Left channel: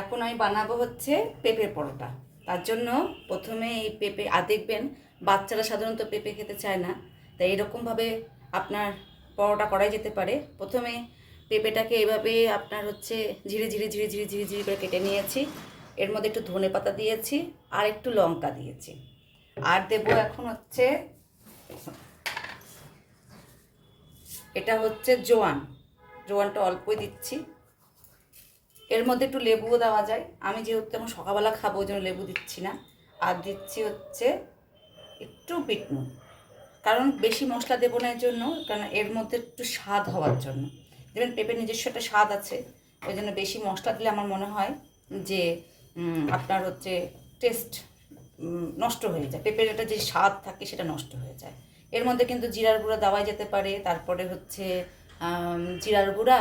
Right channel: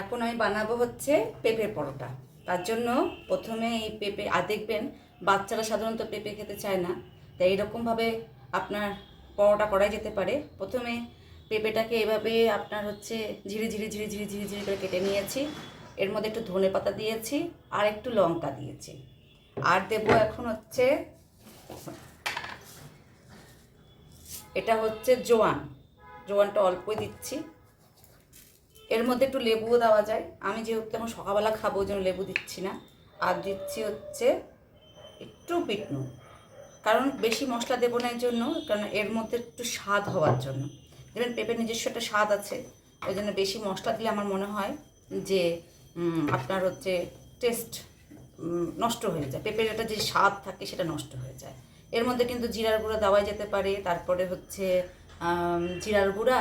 এখন আমি বানাবো হচ্ছে পেঁপে পরোটা। তার জন্য প্রথমে এই পেঁপে দেখবেন বাচ্চারা সাধারণত পেঁপে খেতে চায় না, তাই এরকমভাবে আপনার পরোটা করাই যেতে পারে। প্রথমে পেঁপেটাকে এভাবে আপনার হচ্ছে ঝিরি ঝিরি ঝিরি ঝিরি ঝিরি ঝিরি করে কেটে নিয়েছি। এর মধ্যে একটু ধনেপাতা দিয়েছি আর একটু লঙ্কা দিয়েছি। আর দেবো এখন হচ্ছে এটা হচ্ছে জোয়ানটা অল্পই দিচ্ছি। এর মধ্যে একটু লেবুও দেওয়া যায়, আমি যেহেতু এখন সকালবেলা খাবো ওই জন্য লেবু দিচ্ছি না। আর দিচ্ছি হচ্ছে একটু বিট নুন, কারণ বেশি মশলা দেবো না এর জন্য, কারণ এর মধ্যে একটু স্বাদ হওয়ার জন্য। দেখবেন পেঁপের নিজস্ব একটা স্বাদ আছে, ওই জন্য বেশি মশলা দিলে আমার মনে হয় যে আপনার হচ্ছে টেস্ট নষ্ট হয়ে যায়, পেঁপের একটা যে স্বাদ থাকে সেটা নষ্ট হয়ে যায়। এর মধ্যে কিন্তু জিরার গুঁড়া দেওয়াই যেতে পারে, তারপরে হচ্ছে জিরার গুঁড়া,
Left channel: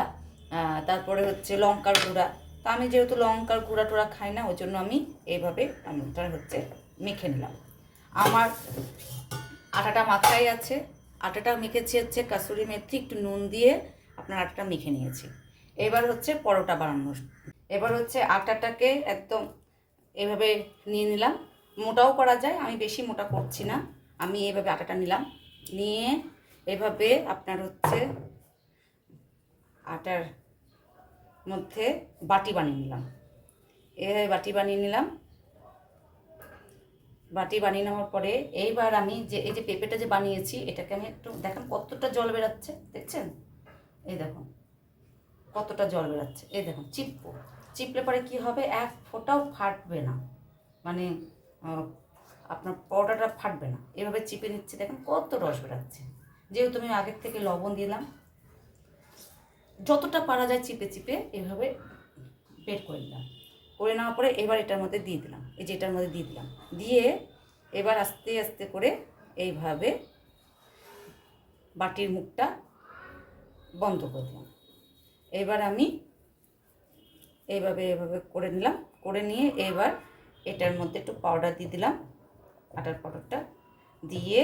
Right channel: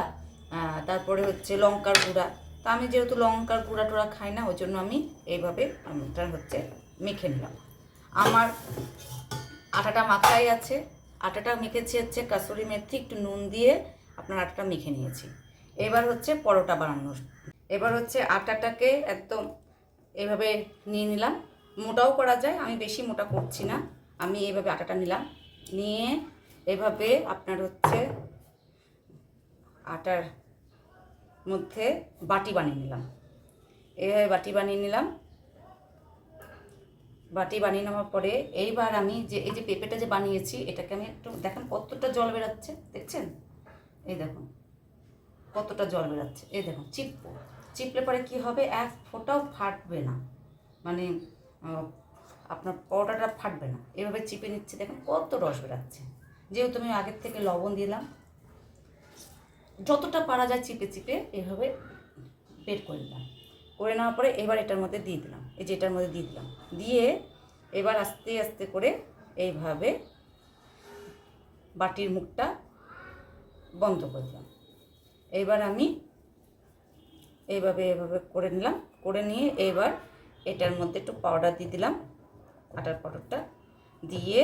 তারপরে হচ্ছে লঙ্কার গুঁড়া। তা আমি যেহেতু লঙ্কার গুঁড়া টুড়া খাই না, ওই জন্য আমি এইভাবে এটা হচ্ছে মেখে নিলাম। আমার আটাটা মাখাই আছে, আটাটা মেখেছি হচ্ছে কাসুরি মেথি একটু নুন দিয়ে আপনার আটাটা মেখে নিয়েছি। এবার হচ্ছে পরোটা বানানোর, এবার হচ্ছে আটাটাকে একদম এভাবে নিয়ে নিলাম। মোটাও করা যায়, আমি বেশি মোটা করছি না, আমি এভাবে আটাটা নিলাম, নিয়ে এভাবে আপনার হচ্ছে আটার মধ্যে বাটি বানিয়ে নিলাম। এভাবে বাটি বানিয়ে নিলাম। বাটি বানিয়ে নেওয়ার পরে এইবার আমি যে এই যে পেঁপেটা যে বানিয়েছি এটাকে আমি একটু দেখেন কতটা জল বেরাচ্ছে, দেখছেন? এই দেখুন কতটা জল বেরাচ্ছে, এই দেখুন চিপলে পরে কি হবে, এক ফোঁটাও ফাটবে না, মানে আপনার পরোটাটা ফাটবে না। এভাবে চিপে নিচ্ছে, দেখেন কত রস বেরাচ্ছে। যেহেতু আমি আগের থেকে লবণ দিলাম, যতটা পারা যায় চিপে চিপে এইভাবে বের করে নিলাম। করে নেওয়ার পরে এবার এটার মধ্যে দিয়ে দিলাম, এই যে এটার মধ্যে দিয়ে দিলাম, দিয়ে এবার আস্তে আস্তে করে এইভাবে বাটির মুখটা বন্ধ করে দিলাম। এবার আমি এইভাবে করে নিলাম, করে নিয়ে এবার এটার মধ্যে একটু পাউডার দিয়ে দিলাম, আটার পাউডারটা দিয়ে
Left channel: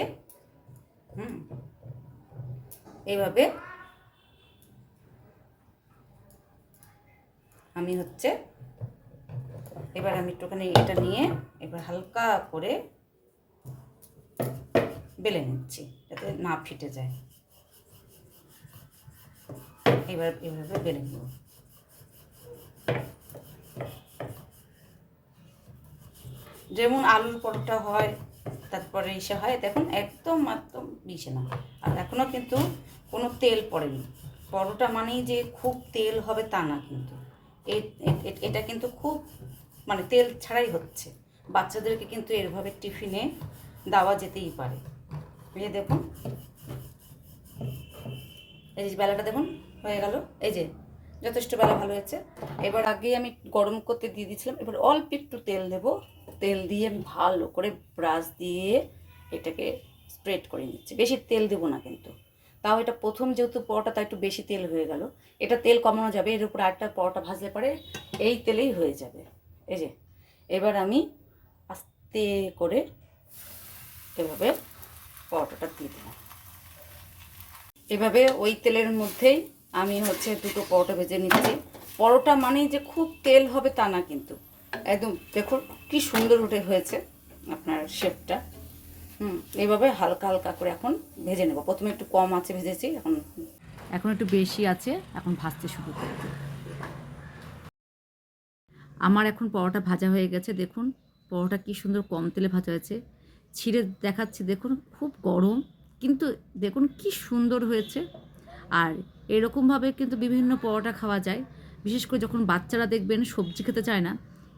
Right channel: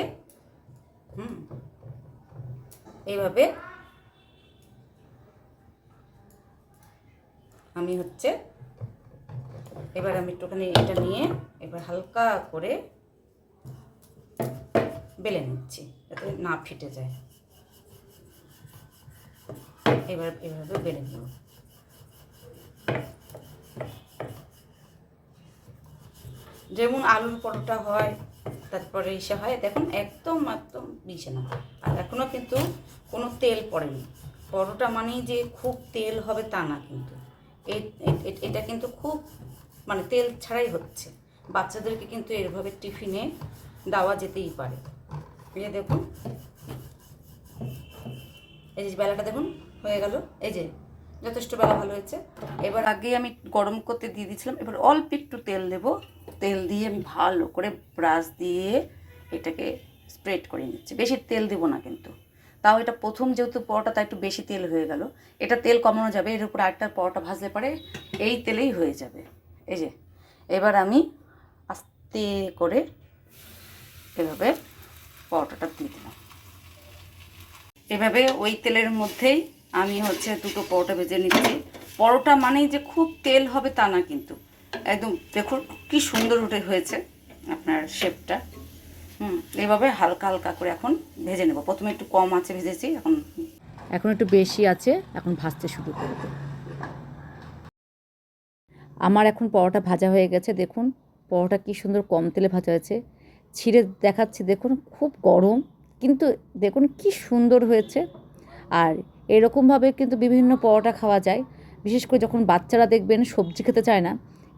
এইভাবে আমি হচ্ছে এবার আমি একটুখানি এটা নিয়ে এবার হালকা করে বেলে নিচ্ছি যাতে না ফেটে যায়। এবার এভাবে বেলে নেব। যেমন আলুর পরোটা হয়, তারপরে ইসে হয়, দেখুন একদম একদম মিশে না। আর এখনও কিন্তু কোনো তেল পড়েনি। পরোটা মানেই যে খুব তেল হবে তা না, কিন্তু এটা কিন্তু খুব মানে তেল ছাড়াই হচ্ছে। বাচ্চাদেরকে কিন্তু এভাবে টিফিনে দেওয়া যেতেই পারে। এই যে দেখুন, এই যে বেলাটা দেখুন হয়ে গেল, এই যে যথেষ্ট বেলা ভালো হয়েছে। এবার আগে আমি গরম করতে দিয়ে দিয়েছিলাম, এবার অল্প একটু তেল দেব, তেল দিয়ে আমি ভালো করে ব্রাশ দিয়ে এটাকে স্প্রেড করে নিচ্ছি। বেশি তেল দেবো না কিন্তু, তাও এটা প্রথম যেহেতু পরোটা তাই একটু বেশি তেল হয়ে গেল। এটা তেল কমানো যাবে, এর উপর আরেকটা পরোটা ভাজলে পরে এই তেলেই হয়ে যাবে। এই যে এবার আমি আস্তে করে এভাবে পরোটাটা দিয়ে দিলাম। এভাবে ওই তেলের মধ্যেই আমি হচ্ছে দুটো পরোটা ভেজে নিচ্ছি। পরোটা মানেই যে খুব তেল হবে তা না, কিন্তু একদম দেখুন কি সুন্দর উঠে হয়েছে আপনার শেপটা। এইভাবে হালকা হালকা করে এখন ভেজে নেব। প্রথমে একটু কম আছে ভেজেছি, এখন একটু বেশি আছে, এখন ভাজতে শুরু করব। আমার এখন পরোটা ভাজা হয়ে গেছে, দেখুন পরোটা কি সুন্দর কম তেলে ভাজা হয়েছে। ছিঁড়ে দেখাচ্ছি, দেখুন খুব গরম, কিন্তু দেখুন কি সুন্দর হয়েছে। আর এরকমভাবে কিন্তু বিভিন্ন পরোটা খাওয়া যায়, বিশেষ করে যখন বাচ্চারা দেখবেন সবজি খেতে চায় না,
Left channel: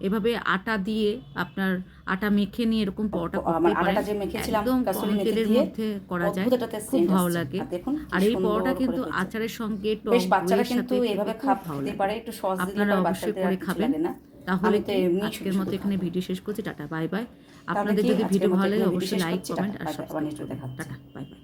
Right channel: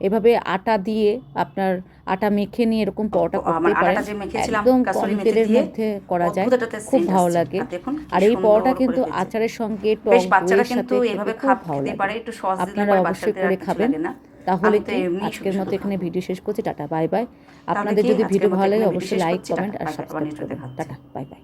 এভাবে আটা দিয়ে আপনার আটা মেখে নিয়ে এরকম পরোটা করতে পারেন। একদম কম তেলের মধ্যে করা যায়, খুব ভালো লাগে। আর এই পরোটা কিন্তু আচারের সঙ্গে টক দইয়ের সাথে খেতে খুব ভালো লাগে। আপনারা অবশ্যই করে খাবেন। তাহলে আজকের মতো এখানে ভিডিও শেষ করছি। Tata bye bye. আপনাদের যদি ভিডিও ভালো লাগে অবশ্যই লাইক কমেন্ট আর সাবস্ক্রাইব করবেন। Tata bye bye.